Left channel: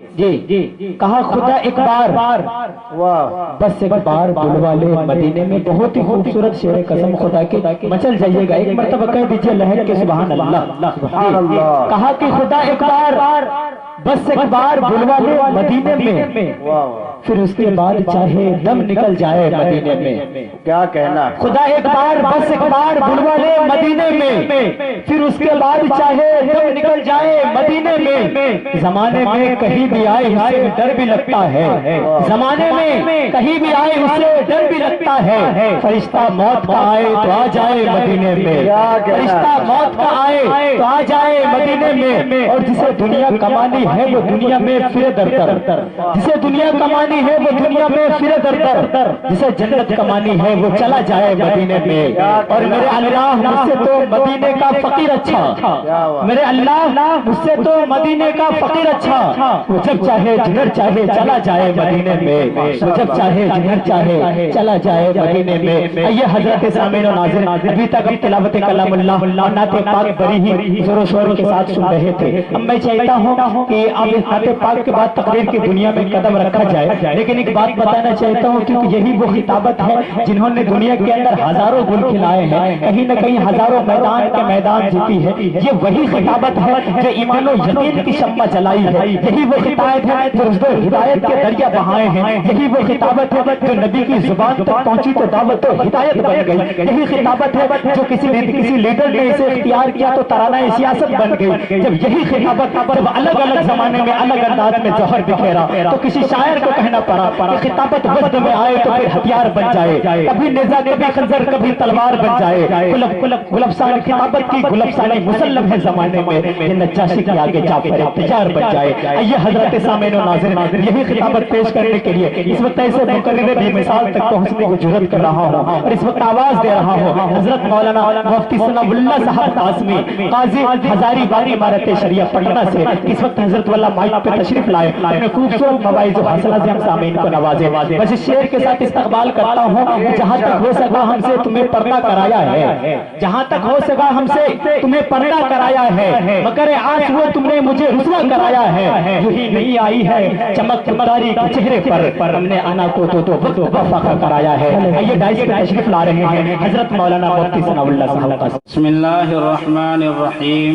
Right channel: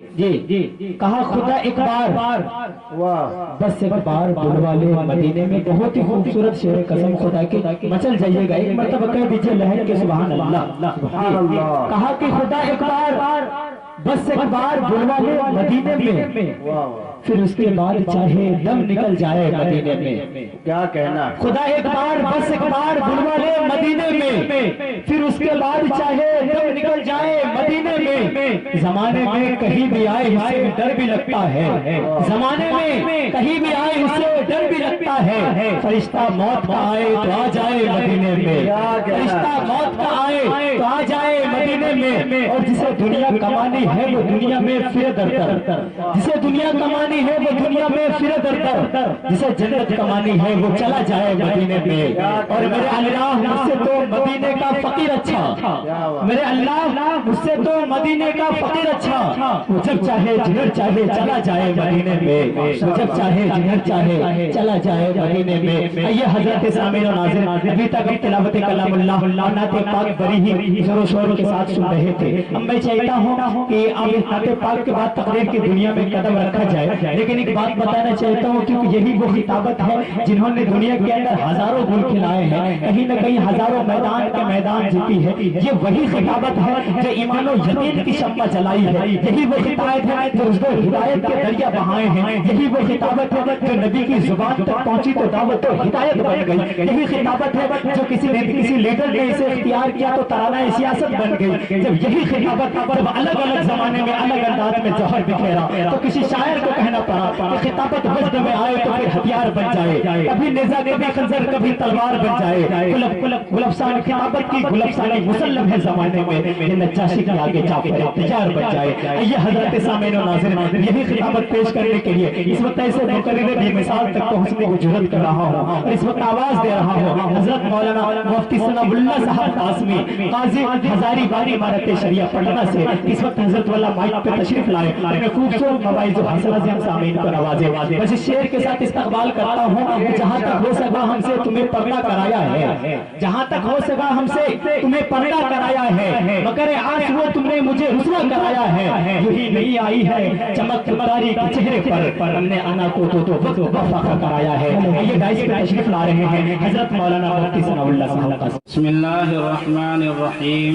جی کہا خدا ایک بار بس ایک بار بلوا لے مدینے میں. بہت ہی خوبصورت شعر قسم خدا کی مچل جائیے گا. ایک مرتبہ کہہ دیجئے لہر کے سبحان اللہ. کہا کہ خدا ایک بار بس ایک بار بلوا لے مدینے میں, پھر اس کے بعد چاہے دم نکل جائے مدینے میں. کیا کہنا. خدا ایک بار بس ایک بار بلوا لے مدینے میں, پھر اس کے بعد چاہے دم نکل جائے مدینے میں. زمانے میں کہیں بھی آئے اسے ڈر بھی لگتا ہے, زمانے میں کہیں بھی آئے اسے ڈر بھی لگتا ہے. فرشتہ موت کا آئے تو آ جائے مدینے میں, فرشتہ موت کا آئے تو آ جائے مدینے میں. اور جسے دنیا کمانی ہے وہ دنیا میں پھرے در در, جسے دنیا کمانی ہے وہ دنیا میں پھرے در در, جسے جنت کمانی ہے وہ چلا جائے مدینے میں. اور میرے اللہ مجھ سے تو مدینے کا فقیر اچھا, میرے اللہ مجھ سے تو مدینے کا فقیر اچھا. وہ جب چاہے جدھر چاہے چلا جائے مدینے میں, وہ جب چاہے جدھر چاہے چلا جائے مدینے میں. یہ حضرت سامعین و ناظرین ابھی تک تلاوت کلام اللہ اور نعت پاک بڑی ہی زور و شور کے ساتھ سن رہے تھے. اب میں چاہتا ہوں کہ اب اس نعت پاک کے بعد تقریر کی دنیا میں قدم رکھا جائے, لیکن ایک بات بتانا چاہتا ہوں کیونکہ یہی وہ خطابت ہے جنہوں نے دنیا کے اندر ہزاروں گل کھلائے ہیں, کہیں نہ کہیں ہزاروں میدان کے میدان جیتی ہے. یہ وہی خطابت ہے جو ایمان و یقین کی شمع جلائی ہے, یہی وہ خطابت ہے جو رشد و ہدایت کے دریا بہائے ہیں, یہی وہ خطابت ہے جو نبی کی زبان تک پہنچی تو دعوت و ہدایت بن گئی, یہی خطابت ہے جو کسی لیڈر نے اسے اختیار کیا تو ترانہ سیاست بن گئی. جب یہی خطابت جب الگ الگ زمانے میں الگ انداز میں جوہر بکھیرا تو کسی شاعر کو کہنا پڑا کہ خطابت وزن میں آئے تو پھر ہتھیار بن جائے, کبھی نیزہ کبھی خنجر کبھی تلوار بن جائے. گلفسان خطابت کی گلفسانی مسلم ہے زمانے میں, یہ نجاشی کے آگے جعفر تجار بن جائے. یہ حضرت سامعین و ناظرین یہی خطابت پیش کرنے کے لیے اس وقت ایسے مقرر بھی مثال تک پہنچنے کو جرأت کر رہا ہوں اور اس وقت آواز دے رہا ہوں. حضرت مولانا مفتی ثناء اللہ صاحب قاسمی قاضی ہزاری باغ عمارت شریعہ پٹنہ سے اس وقت حضرت والا مائک پہ تشریف لائے, اپنے خوبصورت مواعظ و حوصلہ سے ہم سامعین کو نوازے. بس اس شعر کے ساتھ استقبال کرتا ہوں کہ جہاں تک ہو سکا ہم سے تمہیں پردہ کرایا ہے, جہاں تک ہو سکا ہم سے تمہیں پردہ کرایا ہے, مگر آج وہ تم نے مجھے رسوا کرایا ہے. یوں ہی نہیں آئی ہے چمک تمہاری کے چہرے پر, ہم نے آنا کو تو وقت وفا کرایا ہے. یہ ڈائس پہ تشریف لا رہے ہیں حضرت مولانا مفتی ثناء اللہ صاحب. بسم اللہ الرحمن الرحیم.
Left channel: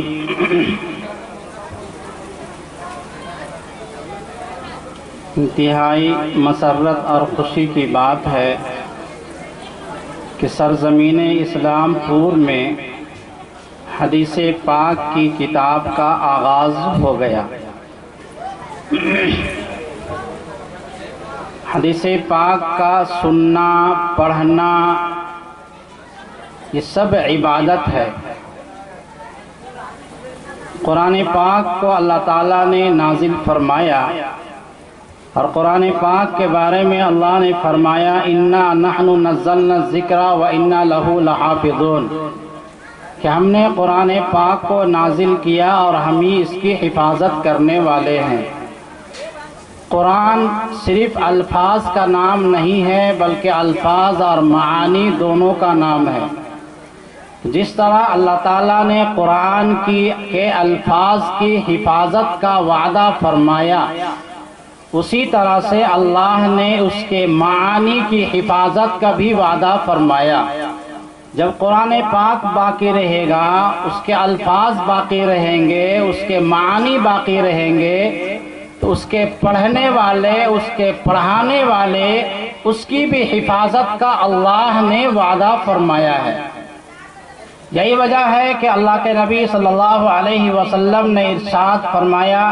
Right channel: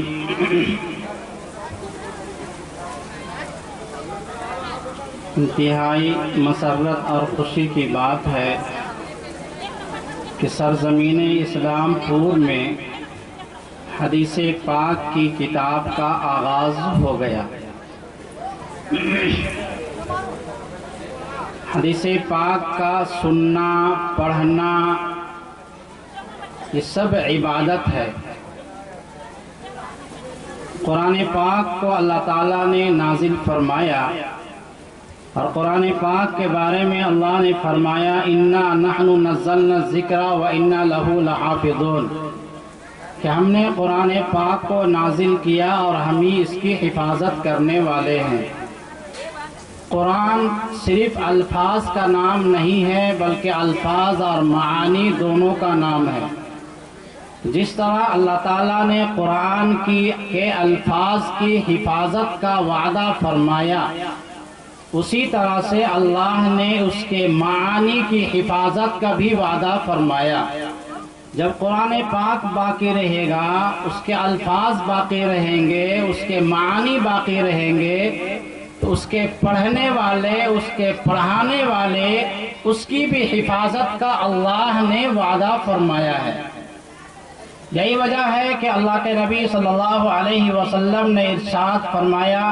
انتہائی مسرت اور خوشی کی بات ہے کہ سرزمین اسلام پور میں حدیث پاک کی کتاب کا آغاز ہو گیا. حدیث پاک کا سننا پڑھنا یہ سب عبادت ہے. قرآن پاک کو اللہ تعالیٰ نے نازل فرمایا اور قرآن پاک کے بارے میں اللہ نے فرمایا اِنَّا نَحْنُ نَزَّلْنَا الذِّكْرَ وَإِنَّا لَهُ لَحَافِظُونَ, کہ ہم نے قرآن پاک کو نازل کیا اور ہم ہی اس کی حفاظت کرنے والے ہیں. قرآن صرف الفاظ کا نام نہیں ہے بلکہ الفاظ اور معانی دونوں کا نام ہے. جس طرح اللہ تعالیٰ نے قرآن کے الفاظ کی حفاظت کا وعدہ فرمایا, اسی طرح سے اللہ نے اس کے معانی کی حفاظت کا بھی وعدہ فرمایا. جب قرآن پاک باقی رہے گا, اس کے الفاظ باقی رہیں گے, اس کے معانی باقی رہیں گے, تو اس کے پڑھنے والے, اس کے پڑھانے والے, اس کی بھی حفاظت کا اللہ نے وعدہ فرمایا ہے. یہی وجہ ہے کہ اللہ کے نبی صلی اللہ علیہ وسلم نے ارشاد فرمایا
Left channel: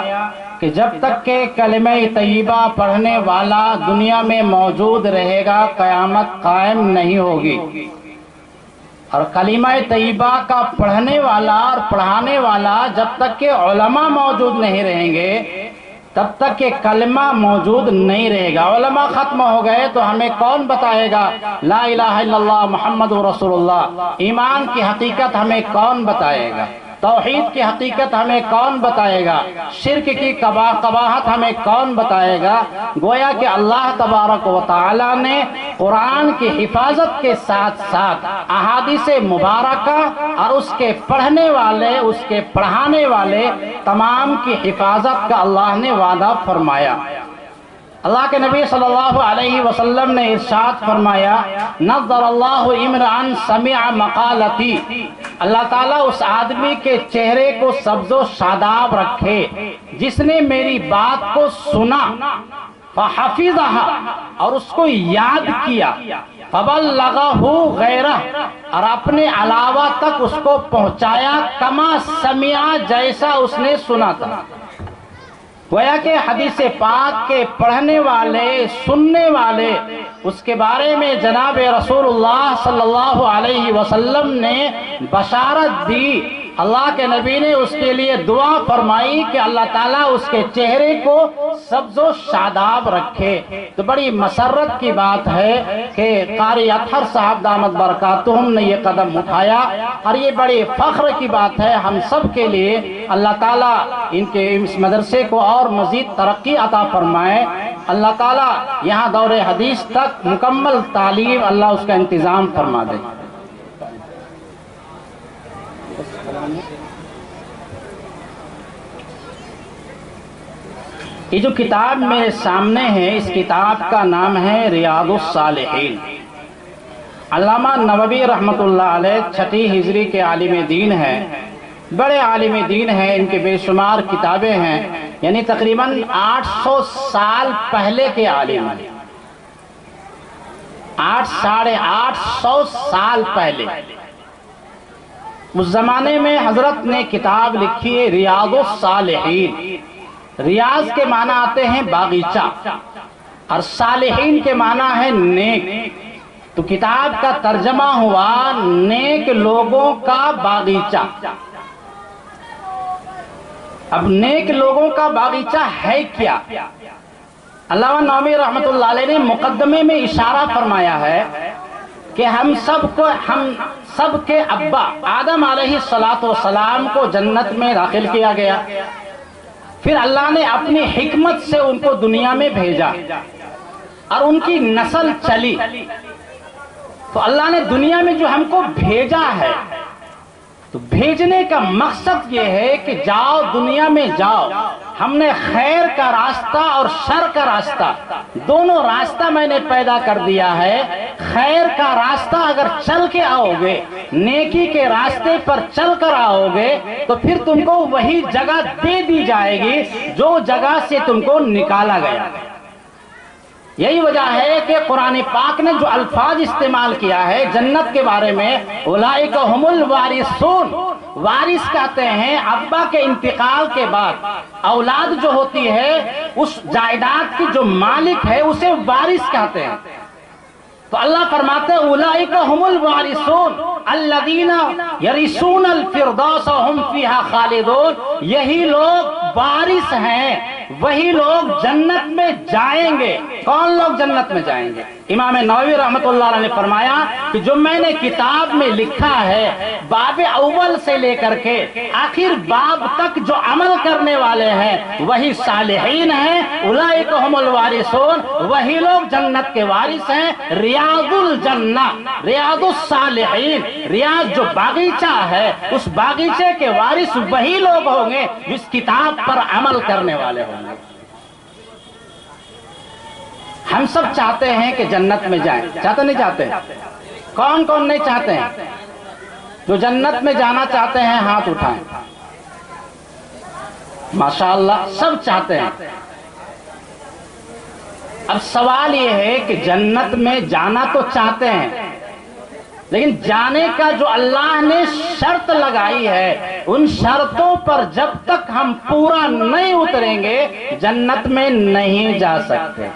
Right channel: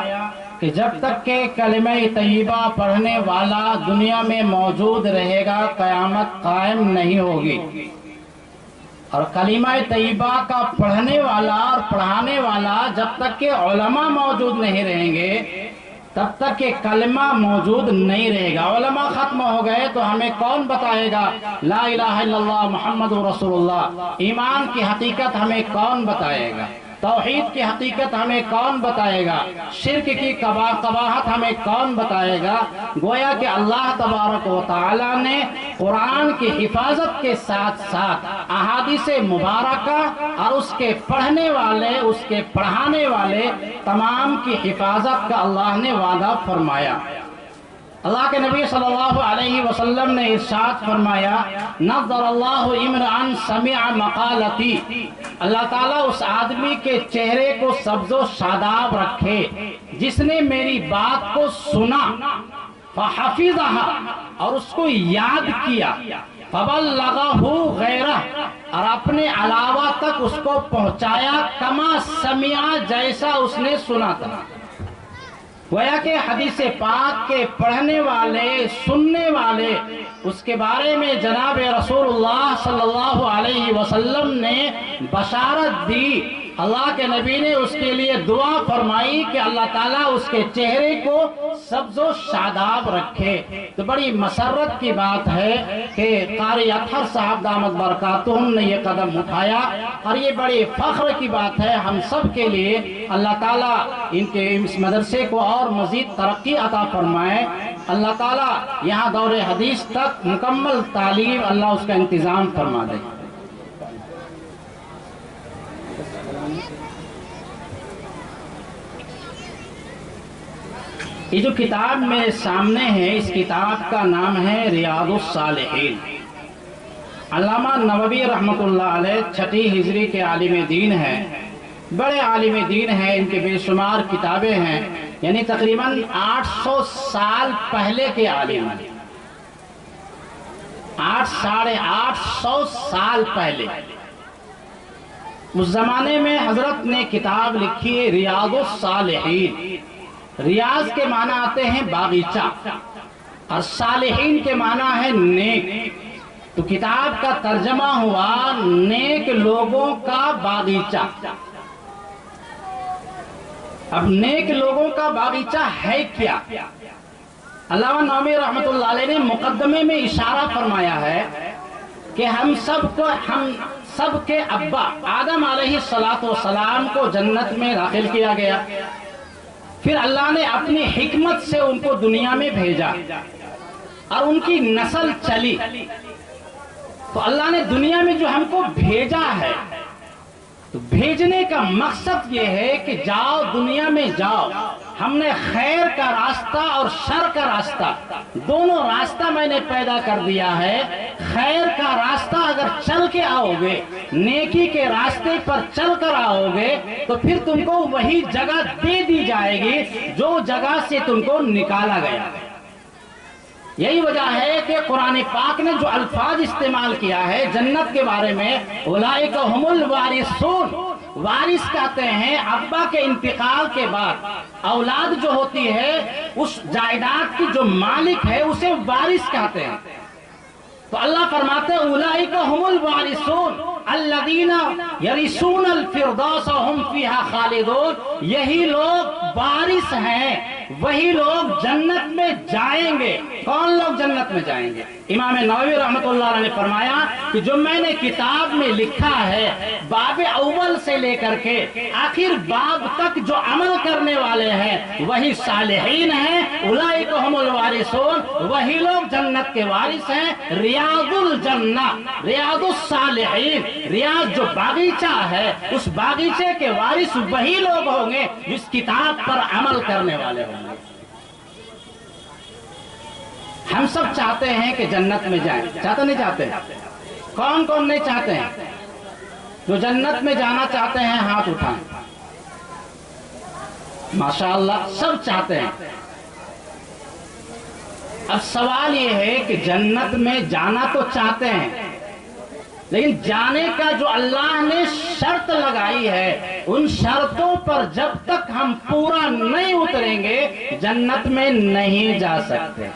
کہ جب تک کہ کلمہ طیبہ پڑھنے والا دنیا میں موجود رہے گا قیامت قائم نہیں ہوگی. اور کلمہ طیبہ کا پڑھنے والا اور پڑھانے والا جب تک کہ علماء موجود نہیں رہیں گے تب تک کہ کلمہ موجود نہیں رہے گا. علماء ختم ہو گئے تو ہمیں کون بتائے گا لا الہ الا اللہ محمد رسول اللہ, ایمان کی حقیقت ہمیں کون بتائے گا. توحید کی حقیقت ہمیں کون بتائے گا؟ شرک کی قباحت ہمیں کون بتائے گا؟ گویا کہ اللہ تبارک و تعالی نے قرآن کی حفاظت کے ساتھ ساتھ احادیث مبارکہ اور اس کے پڑھنے والے، اس کے پڑھانے والے تمام کی حفاظت کا اللہ نے وعدہ فرمایا۔ اللہ کے نبی صلی اللہ علیہ وسلم نے ارشاد فرمایا، نظر اللہ امرأن سمع مقالتی، اللہ تعالیٰ اس آدمی کے چہرے کو سبز و شاداب رکھے جس نے میری بات کو سنا، فحفظہا، اور اس کو یاد کیا، فبلغہ غیرہ، اور اپنے علاوہ تک اس کو پہنچایا، کما سمع، جیسا اس نے سنا تھا۔ گویا کہ حدیث پاک کے پڑھنے والے، سننے والے، اس کے بارے میں جناب رسول اللہ صلی اللہ علیہ وسلم نے بشارت دی۔ اللہ کے نبی نے اس کے لیے دعا فرمائی کہ اللہ تعالیٰ اس کے چہرے کو سبز و شاداب رکھے۔ تو بڑی مسرت کی بات ہے کہ قاری اطہر صاحب دامت برکاتہم نے یہ قدم اٹھایا، اور یہ بڑی فخر کی بات ہے ہم سب کے لیے۔ اللہ تعالیٰ ان کے اس مدرسے کو اور مزید ترقی عطا فرمائے۔ اللہ تعالیٰ یہاں دور حدیث تک مکمل تعلیم اللہ اس کا انتظام فرما دے۔ یہ جو کتاب میرے سامنے ہے، اس کتاب کا نام ہے ریاض الصالحین۔ علامہ نووی رحمۃ اللہ علیہ 6 ہجری کے عالم دین ہیں، بڑے عالم دین ہیں، ان کے بے شمار کتابیں ہیں، یعنی تقریباً 800 سال پہلے کے عالم ہیں، 850 سال پہلے۔ اس زمانے میں حضرت نے کتاب لکھی ہے ریاض الصالحین۔ ریاض کے معنی آتے ہیں باغیچہ، اور صالحین کے معنی ہے نیک۔ تو کتاب کا ترجمہ ہوا نیک لوگوں کا باغیچہ۔ اب نیک لوگوں کا باغیچہ ہے کیا؟ علامہ نووی رحمۃ اللہ علیہ نے مقدمے میں اشارہ فرمایا ہے کہ ہم سب کے ابا آدم علیہ السلام کو جنت میں داخل کیا گیا، پھر اللہ نے اپنی حکمت سے ان کو دنیا میں بھیجا اور ان کی نسل چلی۔ تو اللہ نے دنیا میں جو ہم کو بھیجا ہے، تو بھیجنے کا مقصد یہ ہے کہ جاؤ دنیا میں جاؤ، ہم نے خیر کا راستہ اور شر کا راستہ دونوں راستہ میں نے پیدا کر دیا ہے۔ خیر کا راستہ اگر چل کے آؤ گے، نیکی کے راستے پر چل کر آؤ گے، تو پھر تم کو وہی جگہ دے دی جائے گی جو جگہ سے تم کو نکالا گیا۔ یہی وجہ ہے کہ قرآن پاک نے جو الفاظ استعمال کیا ہے جنت کے بارے میں، اولئک هم الوارثون، وارث کہتے ہیں ابا کے انتقال کے بعد اولاد جو ہوتی ہے اس جائیداد کی جو مالک ہے اسے وارث کہتے ہیں۔ تو اللہ فرماتے ہیں اولئک هم الوارثون الذین یرثون الفردوس وهم فیہا خالدون، یہی لوگ وارث ہیں، وہی لوگ جنت میں جائیں گے۔ کون لوگ جنت میں جائیں گے؟ امام نووی رحمۃ اللہ علیہ نے فرمایا کہ جو میں نے کتاب میں لکھا ہے، باب اول سے لے کر کے آخر باب تک جو عمل کرنے والے ہیں وہی صالحین ہیں، اولئک هم الوارثون، وہی لوگ جنت کے وارث ہیں۔ ریاض الجنہ، ریاض الصالحین، ریاض جو باغیچہ ہے، اس باغیچے کے وارث وہی لوگ ہوں گے جس کتاب پر عمل کرنے والے ہوں گے۔ ہم سب چاہتے ہیں کہ جنت میں جائیں، چاہتے نہیں چاہتے؟ کون کون نہیں چاہتے ہیں؟ جو جنت میں جانا چاہتے ہیں ہاتھ اٹھائیں۔ ماشاءاللہ سب چاہتے ہیں۔ اب سوال یہ ہے کہ جنت میں جانا تو چاہتے ہیں، لیکن جانے کا جو اللہ نے شرط لگائی ہے، ان شرطوں پر جب تک ہم پورا نہیں اتریں گے جنت میں نہیں جا سکتے۔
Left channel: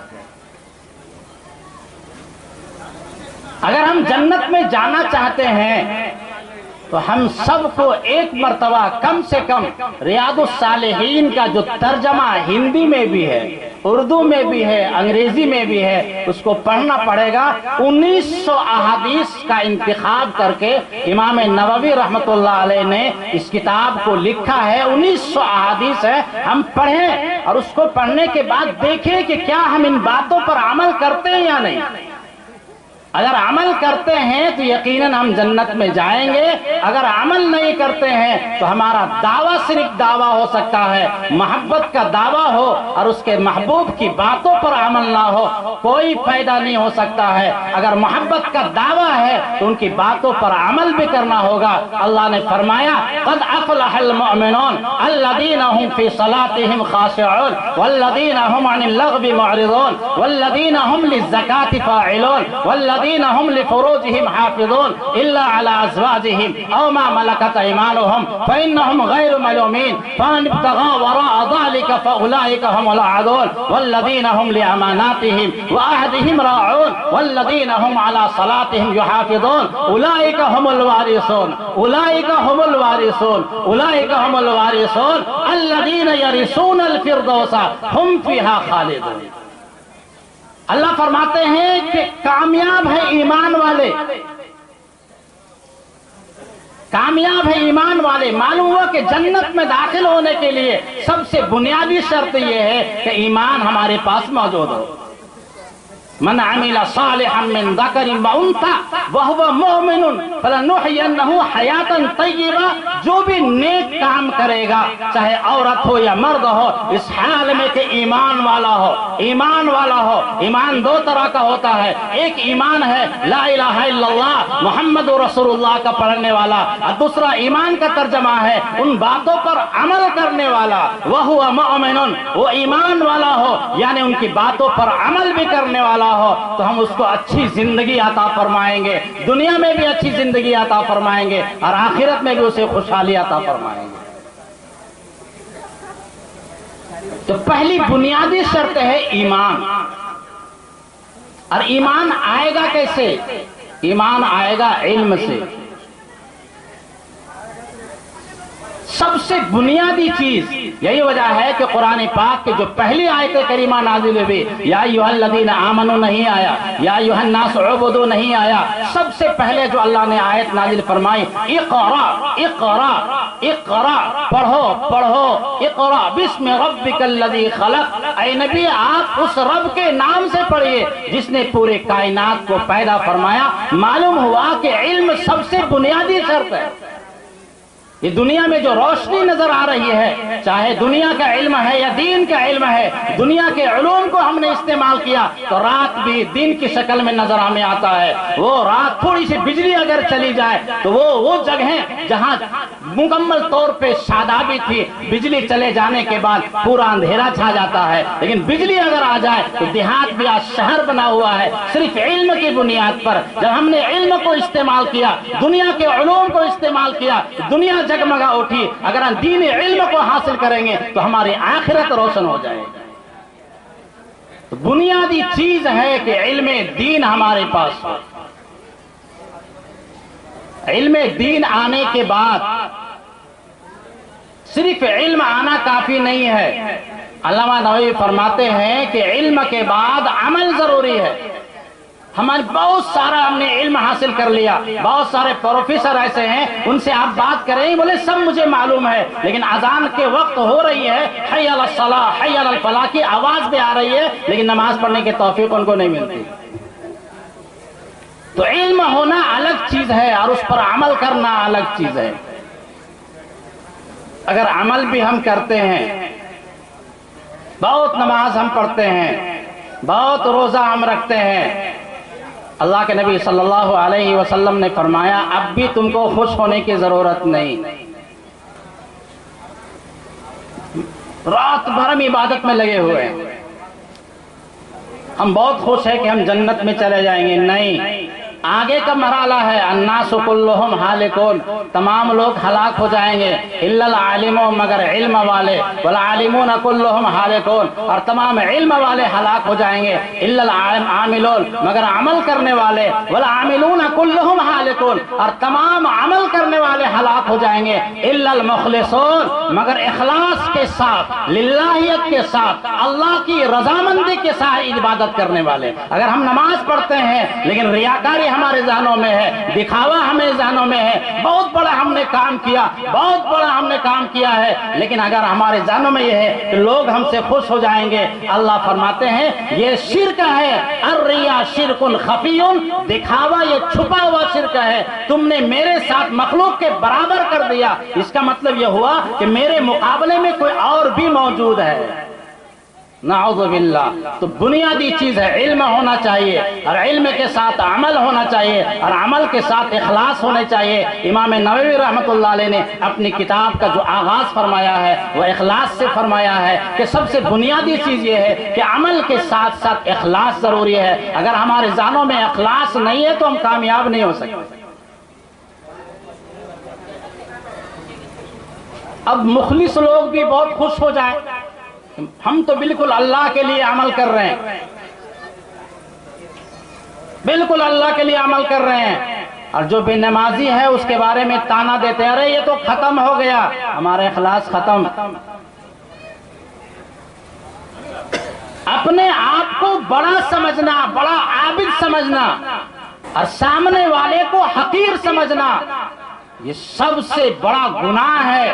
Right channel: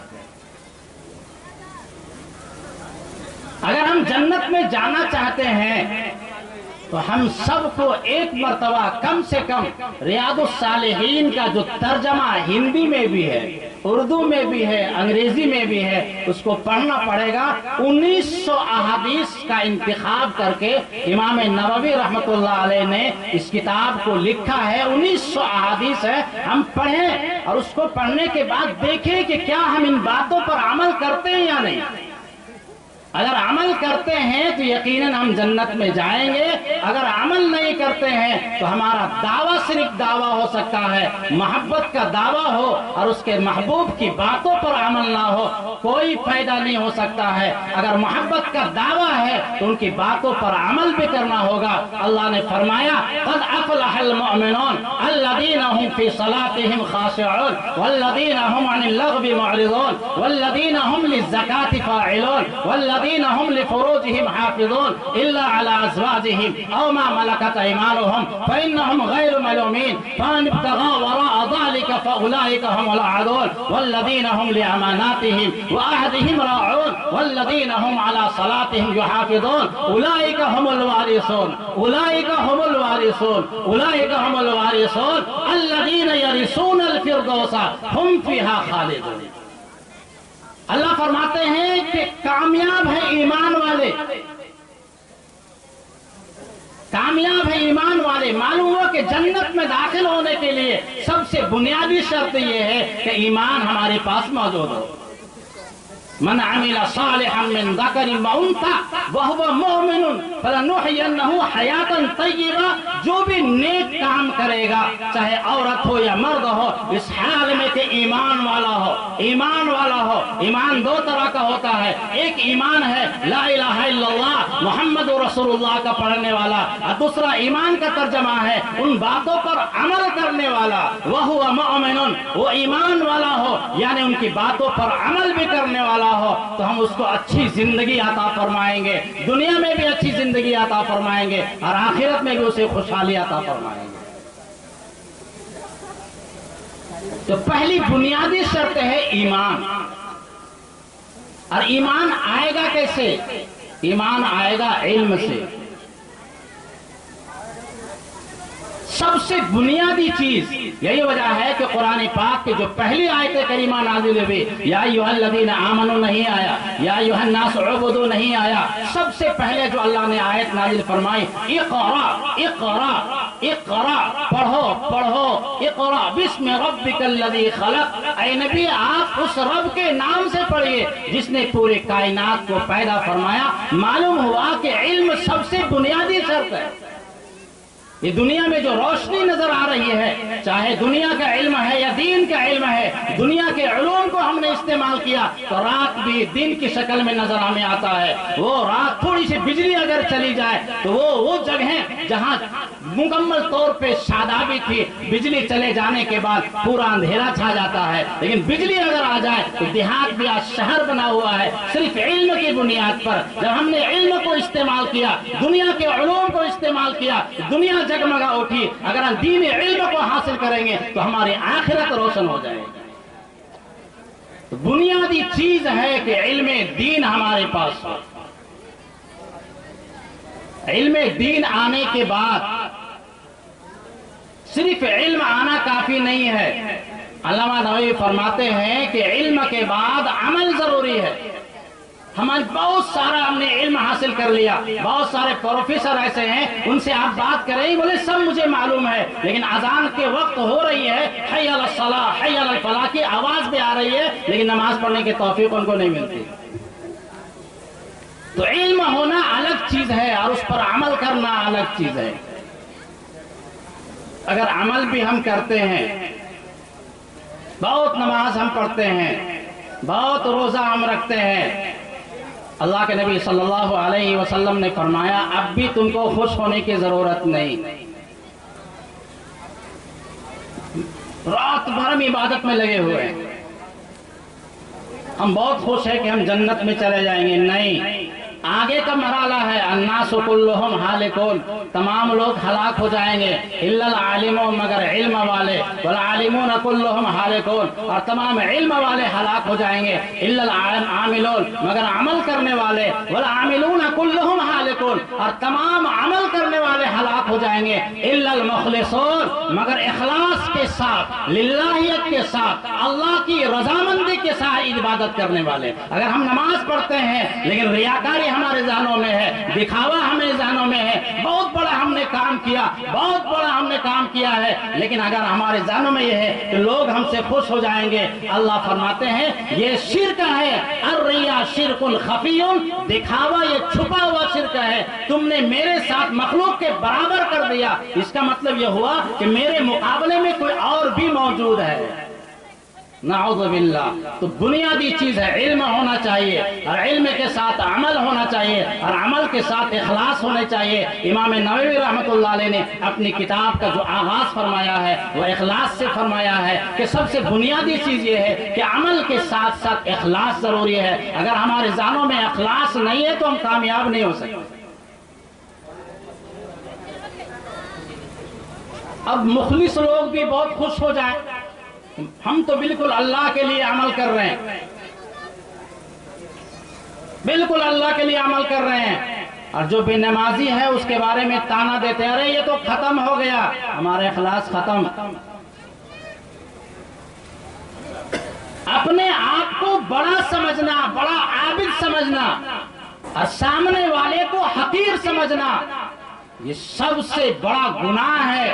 اگر ہم جنت میں جانا چاہتے ہیں تو ہم سب کو ایک مرتبہ کم سے کم ریاض الصالحین کا جو ترجمہ ہندی میں بھی ہے اردو میں بھی ہے، انگریزی میں بھی ہے، اس کو پڑھنا پڑے گا۔ 1900 احادیث کا انتخاب کر کے امام نووی رحمۃ اللہ علیہ نے اس کتاب کو لکھا ہے۔ 1900 احادیث ہے، ہم پڑھیں اور اس کو پڑھنے کے بعد دیکھیں کہ کیا ہم ان باتوں پر عمل کرتے ہیں یا نہیں۔ اگر عمل کرتے ہیں تو یقیناً ہم جنت میں جائیں گے، اگر عمل نہیں کرتے ہیں تو ہمارا دعویٰ صرف دعویٰ ہو سکتا ہے، محبت کا دعویٰ ہو اور اس کے محبوب کی باتوں پر عمل نہ ہو، کوئی فائدہ نہیں ہو سکتا ہے۔ اگر محبت کا دعویٰ ہے تو ان کی باتوں پر عمل بھی کرنا ہوگا۔ اللہ نے فرمایا قد افلح المؤمنون الذین هم فی صلاتهم خاشعون والذین هم عن اللغو معرضون والذین هم للزکاة فاعلون والذین هم لفروجهم حافظون إلا على أزواجهم أو ما ملكت أيمانهم فإنهم غير ملومين فمن ابتغى وراء ذلك فأولئك هم العادون والذين هم لأماناتهم وعهدهم راعون والذين هم على صلاتهم يحافظون أولئك هم الوارثون أولئك هم الوارثون أولئك هم الوارثون الذين يرثون الفردوس هم فيها خالدون۔ اللہ فرماتے ہیں کہ کامیاب ہے ایمان والے، کامیاب ہے ایمان والے۔ معلوم ہوا کہ جنت میں داخل ہونے کے لیے سب سے بنیادی شرط یہ ہے کہ ایمان ہمارے پاس موجود ہو۔ من عمل صالحا من ذکر و انثى وهو مؤمن فلنحيينه حیاتا طیبہ، جو بھی نیک کام کرے گا چاہے عورت ہو یا مرد ہو، اس حال میں کہ ایمان والا ہو، ایمان والا ہو۔ ایمان دو طرح کا ہوتا ہے، ایک ایمان ہے لا الہ الا اللہ محمد رسول اللہ کا پڑھنے والا، اور دوسرا ایمان کا ترجمہ ہے ان باتوں پر عمل کرنے والا۔ وَهُوَ مُؤْمِنٌ، وہ ایمان والا ہو یعنی ان کی باتوں پر عمل بھی کرنے والا ہو، تو ہم اس کو اچھی زندگی عطا فرمائیں گے، دنیا میں بھی اچھی زندگی عطا فرمائیں گے اور آخرت میں بھی اسے خوشحالی عطا فرمائیں گے۔ تو پہلی بنیادی شرط ہے ایمان۔ اور ایمان آئے گا کیسے؟ ایمان آئے گا علم سے۔ سب سے بنیادی چیز یہی وجہ ہے کہ قرآن پاک کے جو پہلی آیت کریمہ نازل ہوئی یا ایھا الذین آمنوا نہیں آیا، یا ایھا الناس اعبدوا نہیں آیا، سب سے پہلے جو اللہ نے آیت نازل فرمائی اقرا اقرا اقرا، پڑھو پڑھو، اقرا بسم ربک الذی خلق، اے نبی آپ اس رب کے نام سے پڑھیے جس نے پورے کائنات کو پیدا فرمایا۔ معلوم ہوا کہ علم سب سے بنیادی شرط ہے۔ یہ دنیا میں جو روشنی نظر آ رہی ہے، چاہے دنیا کا علم ہے یا دین کا علم ہے، دنیا کے علوم کو ہم نے استعمال کیا تو رات بھی دن کی شکل میں نظر ہمیں آتا ہے۔ وہ رات تھوڑی سی بجلی اگر چلی جائے تو وہ جگہیں جہاں مکمل طور پہ شادابی تھی، بجلی چلے جانے کے بعد پورا اندھیرا چھا جاتا ہے، لیکن بجلی اگر آ جائے تو دیہات بھی آج شہر بنا ہوا ہے صرف علم کی بنیاد پر۔ جب ہم نے علم کو استعمال کیا، دنیا کے علوم کو استعمال کیا، دنیا جگمگا اٹھی۔ اگر ہم دین علم کو حاصل کریں گے تو ہماری آخرت روشن ہو جائے گی۔ بنیادی چیز ہے کہ علم دین ہمارے پاس ہو۔ علم دین آنے کے بعد صرف علم آنا کافی نہیں ہے۔ علامہ نووی فرماتے ہیں کہ علم کے بعد عمل ضروری ہے۔ ہمارے بہت سارا ہم نے علم حاصل کر لیا، بہت سارے پروفیسر ایسے ہیں ان سے آپ بات کریں بولے سب مجھے معلوم ہے، لیکن اذان کے وقت ہو رہی ہے حی علی الصلاۃ حی علی الفلاح کی آواز بھی آ رہی ہے، لیکن نماز پڑھنے کی توفیق ان کو نہیں ملتی۔ تو علم ہونا الگ چیز ہے اور اس پر عمل کرنا الگ چیز ہے۔ اگر عمل بھی ہم کرتے ہیں، بہت نماز ہم پڑھتے ہیں، بہت روزہ ہم رکھتے ہیں، اللہ کے نبی صلی اللہ علیہ وسلم نے فرمایا اب بھی تم کو خوش ہونے کی ضرورت نہیں۔ رات بھر ہم عبادت میں لگے ہوئے ہیں، ہم بہت خوش ہیں کہ ہم جنت میں چلے جائیں گے۔ نہیں، آگے کا مرحلہ ہے الناس کلہم ہالکون، تمام لوگ ہلاک ہو جائیں گے الا العالمون، مگر علم والے، والعالمون کلہم ہالکون، اور تمام علم والے ہلاک ہو جائیں گے الا العاملون، مگر عمل کرنے والے، والعاملون کلہم ہالکون، اور تمام عمل کرنے والے ہلاک ہو جائیں گے الا المخلصون، مگر اخلاص کے ساتھ، للہیت کے ساتھ، اللہ کی رضامندی کے ساتھ عبادت کرنے والے۔ اگر ہم نماز پڑھتے ہیں لیکن ریاکاری ہمارے ذہنوں میں ہے، دکھاوا ہمیں ذہنوں میں ہے، بہت بڑا ہم نے کام کیا، بہت بڑا ہم نے کام کیا ہے، لیکن اگر ہمارے ذہنوں میں یہ ہے کہ لوگ ہم سے خوش ہو جائیں گے، اللہ فرماتے ہیں یہ شرک ہے، الریا شرک خفی، دکھاوا یہ چھپا ہوا شرک ہے، تم نے میرے ساتھ مخلوق کے برابر کر دیا، اس کا مطلب یہ ہوا کہ میرے مقابلے میں کوئی اور بھی موجود ہے، نعوذ باللہ۔ تو بنیادی چیز ہے علم ہونا چاہیے، اور علم کے ساتھ عمل ہونا چاہیے، اور عمل کے ساتھ اخلاص ہونے چاہیے۔ امام نووی رحمۃ اللہ علیہ نے اپنی کتاب کا جو آغاز فرمایا ہے وہ اخلاص سے فرمایا ہے کہ سب سے بنیادی چیز یہ ہے کہ عمل کے ساتھ ساتھ اخلاص ضروری ہے۔ اگر ہمارے ذہنوں میں اخلاص نہیں ہے تو ہم کامیاب نہیں ہو سکتے۔ اب مخلص لوگ بھی بہت خوش ہو جائیں، ہم تو بالکل اللہ کے لیے عمل کر رہے ہیں، بالکل اللہ کے لیے عمل کر رہے ہیں، اور جو بے نمازی ہے اس کے بارے میں تانا دیتے ہیں، ارے یہ تو ختم ہو گیا، ہمارا اخلاص ختم۔ اپنے آپ کو بڑا سمجھنا، بڑا عابد سمجھنا، اور سامنے والے کو حقیر سمجھنا، یہ سب سے بڑا گناہ ہے۔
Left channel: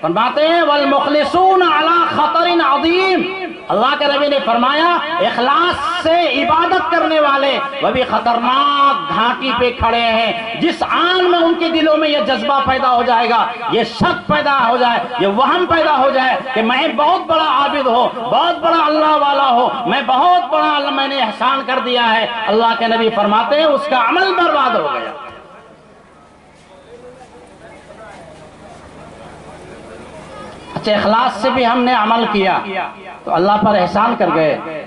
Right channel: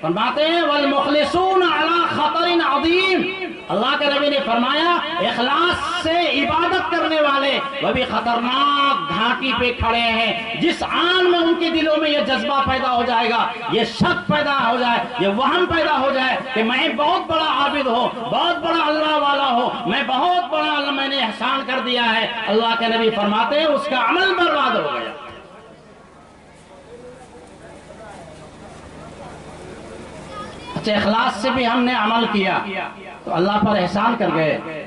فرماتے ہیں والمخلصون علی خطر عظیم، اللہ کے نبی نے فرمایا اخلاص سے عبادت کرنے والے وہ بھی خطرناک گھاٹی پہ کھڑے ہیں، جس آن میں ان کے دلوں میں یہ جذبہ پیدا ہو جائے گا، یہ شک پیدا ہو جائے، یہ وہم پیدا ہو جائے کہ میں بہت بڑا عابد ہوں، بہت بڑا اللہ والا ہوں، میں بہت بڑا اللہ میں نے احسان کر دیا ہے، اللہ کے نبی فرماتے ہیں اس کا عمل برباد ہو گیا۔ اچھا اخلاص سے بھی ہم نے عمل کیا تو اللہ پر احسان کر گئے۔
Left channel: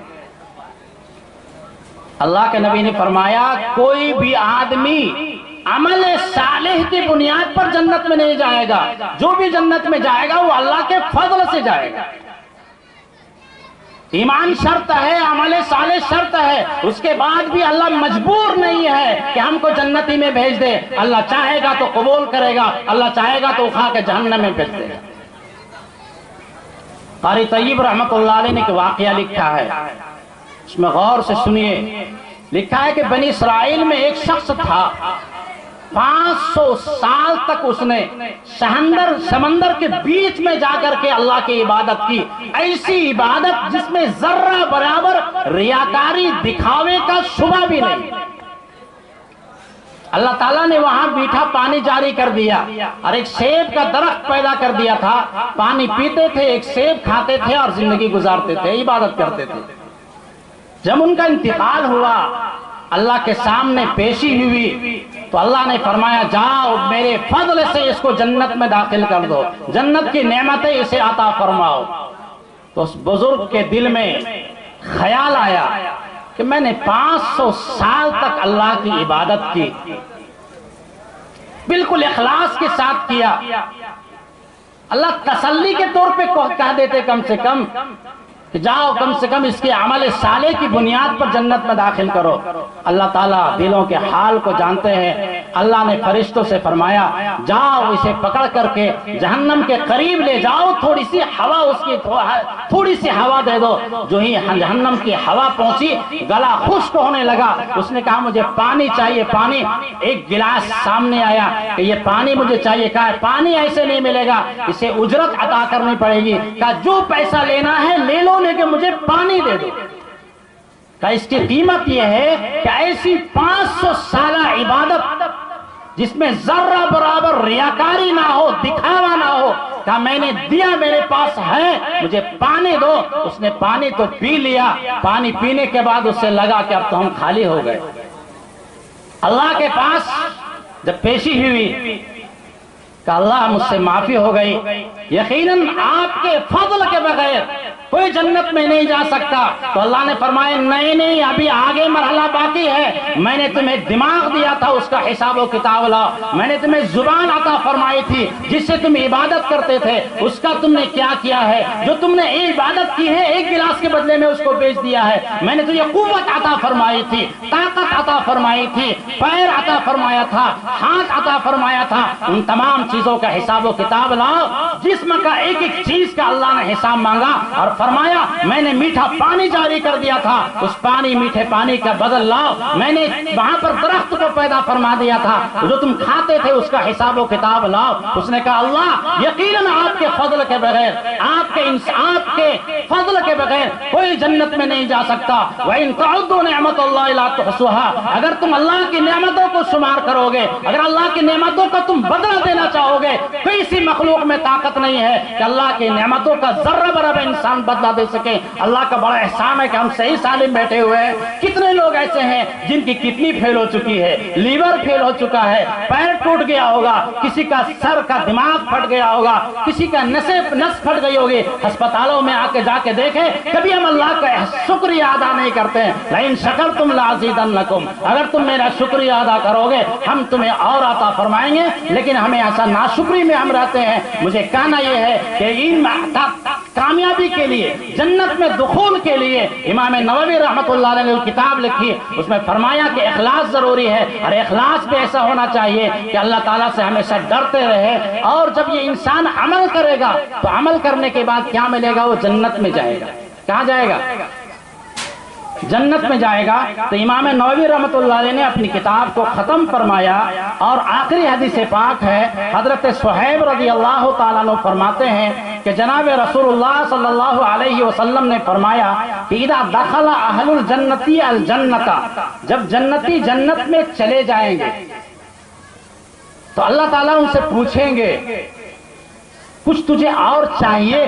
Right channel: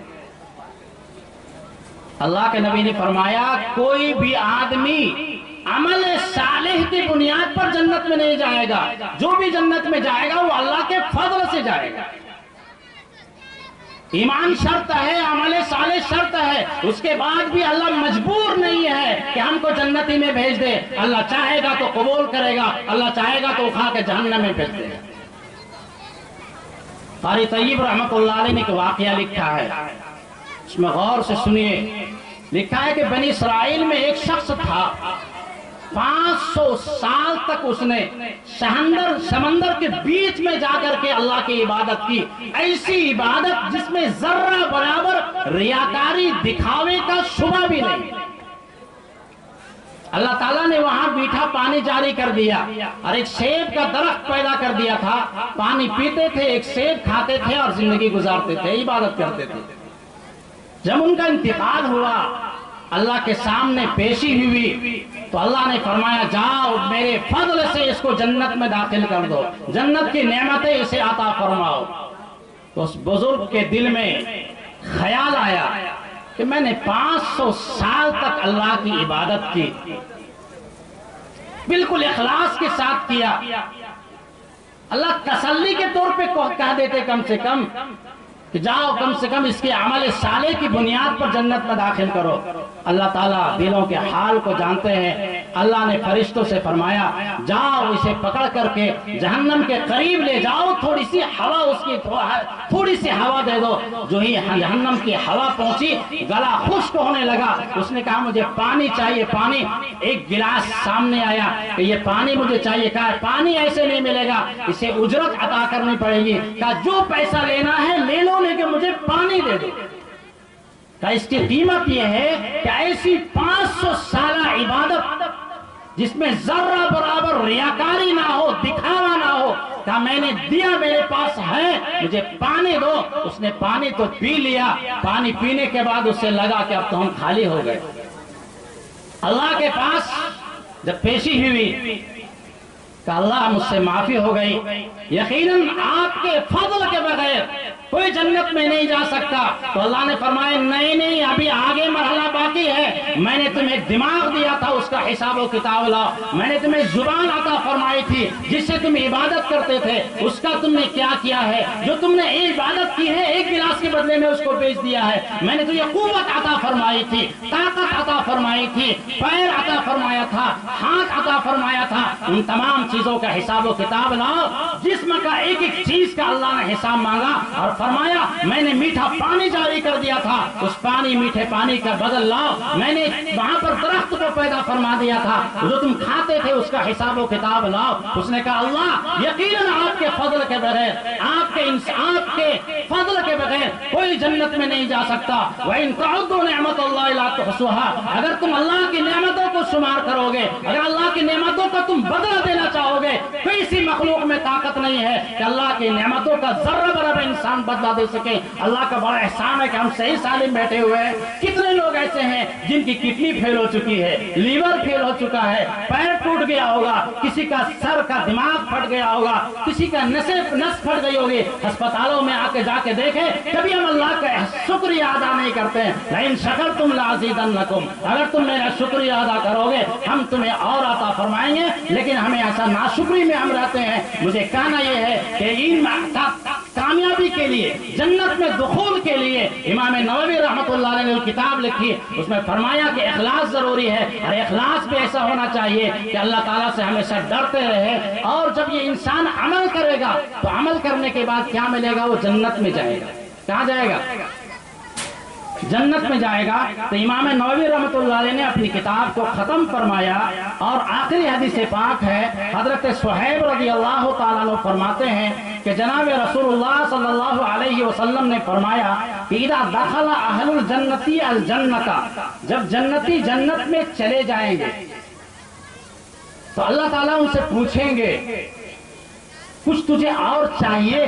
اللہ کے نبی نے فرمایا کوئی بھی آدمی عمل صالح کی بنیاد پر جنت میں نہیں جائے گا، جو بھی جنت میں جائے گا وہ اللہ کے فضل سے جائے گا۔ ایمان شرط ہے، عمل صالح شرط ہے، اس کے بعد بھی اللہ مجبور نہیں ہے کہ ہم کو جنتی میں بھیج دے، اللہ چاہے گا تو قبول کرے گا، اللہ چاہے گا تو اٹھا کے جہنم میں بھیج دے گا۔ قاری طیب رحمۃ اللہ علیہ نے ایک واقعہ لکھا ہے، اس میں غور سے سنیے۔ لکھا ہے کہ بنی اسرائیل میں ایک شخص تھا، 500 سال تک اس نے سمندر کے بیچ میں جا کر کے اللہ کی عبادت کی، ایسی عبادت جس میں ذرہ برابر ریاکاری دکھاوے کا شبہ بھی نہیں۔ اللہ تعالیٰ نے وہاں میٹھا پانی جاری کر دیا اور ایک سیب کا درخت پیدا کر دیا تھا، پانی پیتے تھے، ایک سیب کھاتے تھے اور زندگی گزارتے تھے، عبادت کرتے تھے۔ جب ان کا انتقال ہوا، اللہ کے سامنے پیشی ہوئی تو اللہ نے فرمایا جاؤ میرے فضل سے اس کو جنت میں داخل کر دو، جنت کی نعمتیں اسے عطا فرماؤ۔ تو اس بزرگ کے دل میں خیال آیا کہ میں نے 500 سال تک اللہ کی عبادت کی، بالکل اخلاص کے ساتھ کیا، اللہ تسلی کے طور پہ کہہ دیتے کم سے کم کہ جاؤ کم سے کم اس کے عمل صالح کی بنیاد پر جنت میں داخل کرو۔ اللہ تعالیٰ دلوں کے حال کو جانتے ہیں، اللہ نے فرشتوں سے فرمایا جاؤ اسے پکڑ کر کے جہنم کے قریب لے جاؤ، تھوڑی سی ہوا اس کی تھوڑی سی ہوا دے دو۔ جو ہی جہنم کی ہوا پہنچی گلا خشک ہونے لگا، اس نے کہا مجھے پانی چاہیے، پانی۔ ایک گلاس سامنے آیا کہ یہ پانی مجھے چاہیے، کہا پانی ایسے نہیں ملے گا، اسے اجرت عطا کرنی پڑے گی، کہا جو پیسہ لینا ہے لے لو کہ مجھے پانی دے دو۔ کہ اس کی قیمت یہ ہے کہ ایسی 500 سالہ عبادت جس میں ذرہ برابر ریاکاری نہ ہو، دکھاوا نہ ہو، کہ میں نے دیا، میرے پاس ہے، مجھے پانی دو۔ اس نے پانی تو پی لیا، پانی پینے کے بعد اس سے لگا کہ اب تو ہم خالی ہو گئے۔ اللہ کے پاس جب پیشی ہوئی کہ اللہ مجھ سے معافی ہو گئی، یقیناً آپ کے فضل کے بغیر کوئی جنت میں نہیں جا سکتا. تو اللہ نے فرمایا نہیں ابھی آگے مرحلہ باقی ہے. میں نے تمہیں دماغ دیا تھا, اس کا حساب و کتاب لاؤ. میں نے تمہیں زبان عطا فرمائی تھی جس سے تم عبادت کرتے تھے, اس کا تم نے کیا کیا ہے؟ جو تم نے عبادت کی ہے ایک گلاس کے بدلے میں اس کو بیچ دیا ہے. میں نے تجھے قوت عطا فرمائی تھی, طاقت عطا فرمائی تھی, پیر عطا فرمایا تھا, ہاتھ عطا فرمایا تھا. ان تمام چیزوں کا حساب و کتاب لاؤ. جسم کا ایک ایک چیز کا اللہ نے حساب مانگا اور فرمایا میں نے میٹھا پانی جاری کر دیا تھا, اس پانی میٹھے پانی کا بدل لاؤ. میں نے وہاں پر درخت کو پیدا فرما دیا تھا, جو تم کھاتے تھے اس کا حساب و کتاب لاؤ. اس نے کہا اللہ یقیناً آپ کے فضل کے بغیر, آپ کے فضل کے بغیر کوئی جنت میں نہیں جا سکتا. وَإِن تَعُدُّوا نِعْمَةَ اللَّهِ لَا تُحْصُوهَا, اگر تم اللہ کی نعمتوں کو شمار کرو گے, اگر اللہ کی نعمتوں کا تم بدلہ دینا چاہو گے, کسی مخلوق میں طاقت نہیں ہے کہ اللہ کی نعمتوں کا ذرہ برابر انسان بدلہ دے سکے. اللہ کا بڑا احسان ہے کہ ہم صحیح سالم بیٹھے ہوئے ہیں. کتنے لوگ ایسے ہیں جن کی کڈنی فیل ہو چکی ہے, لیور فیل ہو چکا ہے, پیر ٹوٹ گیا ہوگا, کسی کا سر کا دماغ پھٹ گیا ہوگا, کسی کا نس پھٹ گئی ہوگی. ہسپتالوں میں آ کے جا کے دیکھیں, کبھی ہم اللہ کا شکریہ ادا نہیں کرتے ہیں. لئن شکرتم لازیدنکم, اگر تم میرا شکریہ ادا کرو گے ہم تمہیں اور عطا فرمائیں گے. لیکن ہمیں ایسا ناشکری میں ہم رہتے ہیں. مجھے کہنا یہ ہے کہ ان کامیابی کے لیے, جنت میں دخول کے لیے امام نووی رحمۃ اللہ علیہ نے کتاب لکھی, اس میں فرمایا کہ اخلاص ضروری ہے, اور اخلاص بھی ایسا ہونا چاہیے کہ اللہ تعالیٰ سے ہمیشہ ڈرتے رہے. اور جب یہ انسان عمل کرے گا تو عمل کرنے کے بعد کیا ملے گا؟ وہ جنت میں جائے گا. کہاں جائے گا؟ جنت میں جائے گا. تو امام نووی رحمۃ اللہ علیہ نے اپنی کتاب کو ختم فرمایا, اور آخری حدیث پاک ہے حضرت صہیب رضی اللہ تعالیٰ عنہ فرماتے ہیں کہ جناب رسول اللہ صلی اللہ علیہ وسلم نے فرمایا کہ اذا دخل اہل الجنتی الجنت, جب جنتی جنت میں چلے جائیں گے تو اللہ تعالیٰ ان سے پوچھیں گے کچھ تجھے اور چاہیے؟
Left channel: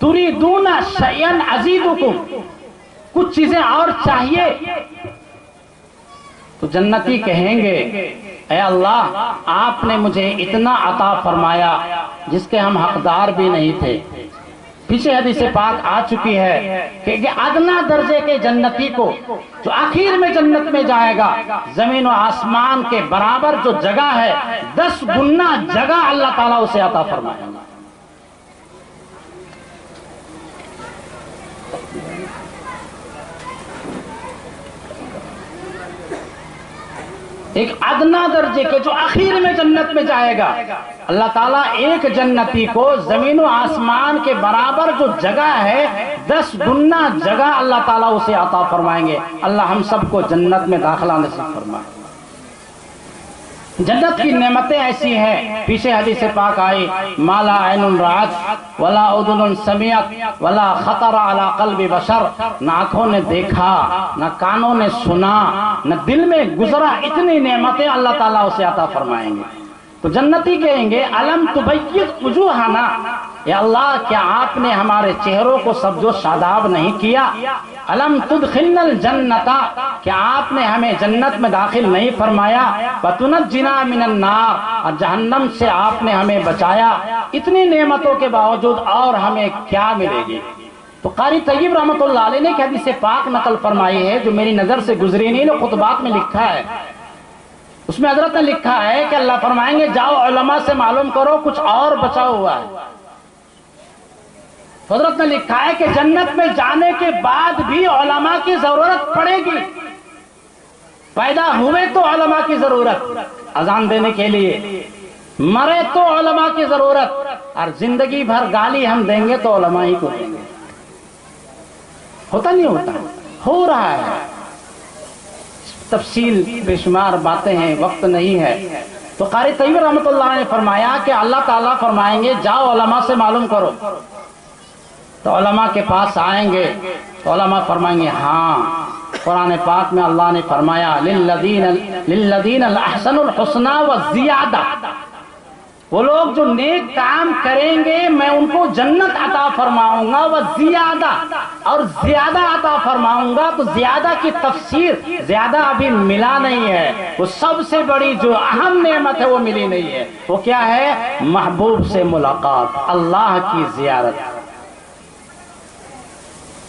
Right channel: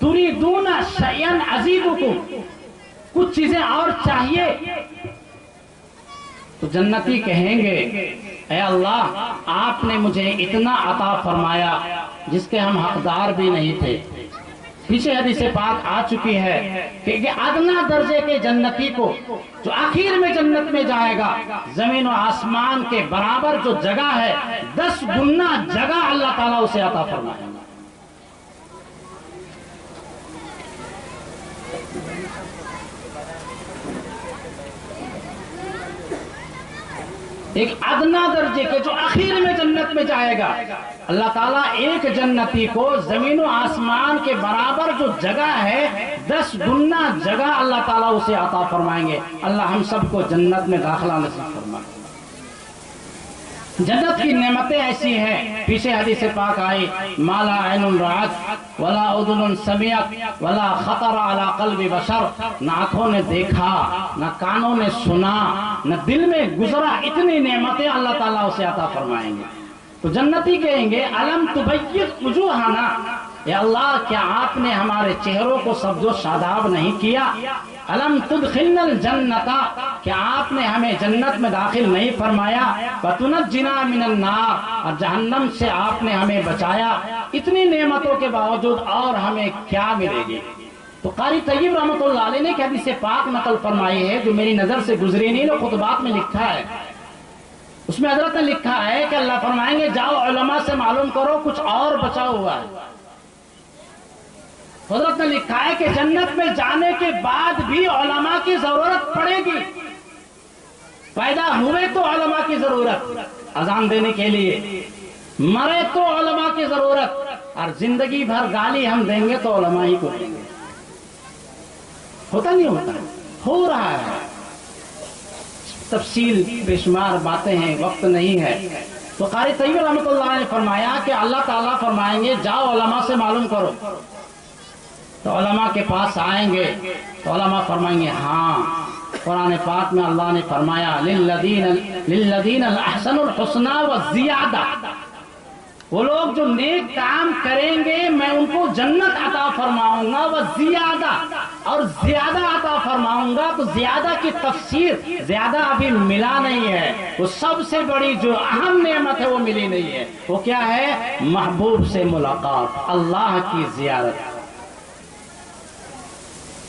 تُرِيدُونَ شَيْئًا أَزِيدُكُمْ, کچھ چیزیں اور چاہیے؟ تو جنتی کہیں گے اے اللہ آپ نے مجھے اتنا عطا فرمایا جس کے ہم حقدار بھی نہیں تھے. پیچھے حدیث پاک آ چکی ہے کہ ادنا درجے کے جنتی کو جو آخر میں جنت میں جائے گا, زمین و آسمان کے برابر جو جگہ ہے 10 گنا جگہ اللہ تعالیٰ اسے عطا فرمائے گا. ایک ادنا درجے کے جو آخر میں جنت میں جائے گا, اللہ تعالیٰ ایک جنتی کو زمین و آسمان کے برابر جو جگہ ہے 10 گنا جگہ اللہ تعالیٰ اسے عطا فرمائیں گے. اللہ ہم سب کو جنت میں داخلہ نصیب فرمائے. جنت کی نعمتیں ایسی ہیں, پیچھے حدیث پاک آئی ما لا عین رأت ولا اذن سمعت ولا خطر علی قلب بشر, نہ آنکھوں نے دیکھا, نہ کانوں نے سنا, نہ دل میں گزرا, اتنی نعمتیں اللہ تعالیٰ اسے عطا فرمائیں گے. تو جنتی کہیں گے الم تبیض وجوہنا, یا اللہ کیا آپ نے ہمارے چہروں کو سبز و شاداب نہیں کیا؟ الم تدخلنا الجنت, کیا آپ نے ہمیں جنت میں داخل نہیں فرمایا؟ وتنجنا من النار, اور جہنم سے آپ نے ہمیں بچایا. اتنی نعمتوں کے باوجود اور ہمیں کیا ملے گی؟ تو قاری طیب رحمۃ اللہ علیہ نے ایک حدیث پاک نقل فرمائی ہے جو میری نظر سے گزری نہیں, نے خطبات میں لکھا ہے. اس میں حضرت نے لکھا ہے کہ اللہ فرمائیں گے جاؤ علماء سے معلوم کرو کچھ اور بچا ہوا ہے. حضرت نے لکھا ہے کہ جنت میں جانے کے بعد بھی علماء کی ضرورت پڑے گی. پیدا ہوئے تو علماء کی ضرورت اذان دینے کے لیے, مرے تو علماء کی ضرورت, اور زندگی بھر گالی ہم دیں گے تو علماء ہی کو دیں گے. ہوتا نہیں ہوتا؟ ہو رہا ہے. تفصیل بے شمار باتیں ہیں, وقت نہیں ہے. تو قاری طیب رحمۃ اللہ نے فرمایا کہ اللہ تعالیٰ فرمائیں گے جاؤ علماء سے معلوم کرو. تو علماء کے پاس آئیں گے تو علماء فرمائیں گے ہاں, قرآن پاک میں اللہ نے فرمایا للذین احسنوا الحسنى والزیادہ, وہ لوگ جو نیک کام کریں گے میں ان کو جنت عطا فرماؤں گا, والزیادہ, اور زیادہ عطا فرماؤں گا. تو زیادہ کی تفسیر زیادہ ابھی ملا نہیں ہے, وہ سب سے بڑی جو اہم نعمت ہے وہ ملی نہیں ہے. وہ کیا ہے؟ محبوب سے ملاقات, اللہ کی زیارت.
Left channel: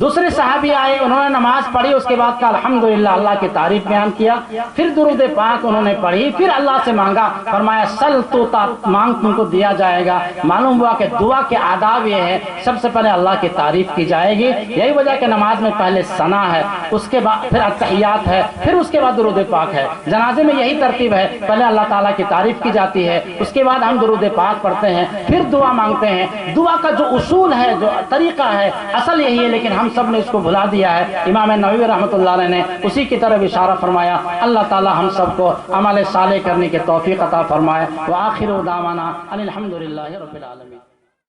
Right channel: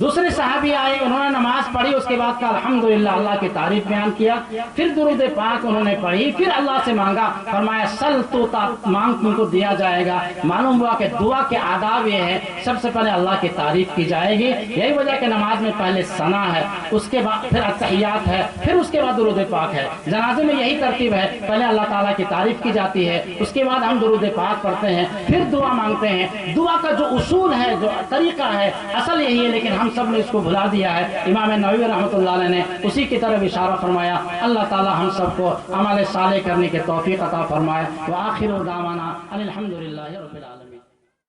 دوسرے صحابی آئے, انہوں نے نماز پڑھی, اس کے بعد کہا الحمدللہ, اللہ کی تعریف بیان کیا, پھر درود پاک انہوں نے پڑھی, پھر اللہ سے مانگا, فرمایا سل تو مانگ تم کو دیا جائے گا. معلوم ہوا کہ دعا کے آداب یہ ہے, سب سے پہلے اللہ کی تعریف کی جائے گی. یہی وجہ کہ نماز میں پہلے ثنا ہے, اس کے بعد پھر التحیات ہے, پھر اس کے بعد درود پاک ہے. جنازے میں یہی ترتیب ہے, پہلے اللہ تعالیٰ کی تعریف کی جاتی ہے, اس کے بعد ہم درود پاک پڑھتے ہیں, پھر دعا مانگتے ہیں. دعا کا جو اصول ہے, جو طریقہ ہے, اصل یہی ہے, لیکن ہم سب نے اس کو بھلا دیا ہے. امام نووی رحمۃ اللہ علیہ نے اسی کی طرف اشارہ فرمایا. اللہ تعالی ہم سب کو عمل صالح کرنے کی توفیق عطا فرمائے. وآخر دعوانا ان الحمد للہ رب العالمین.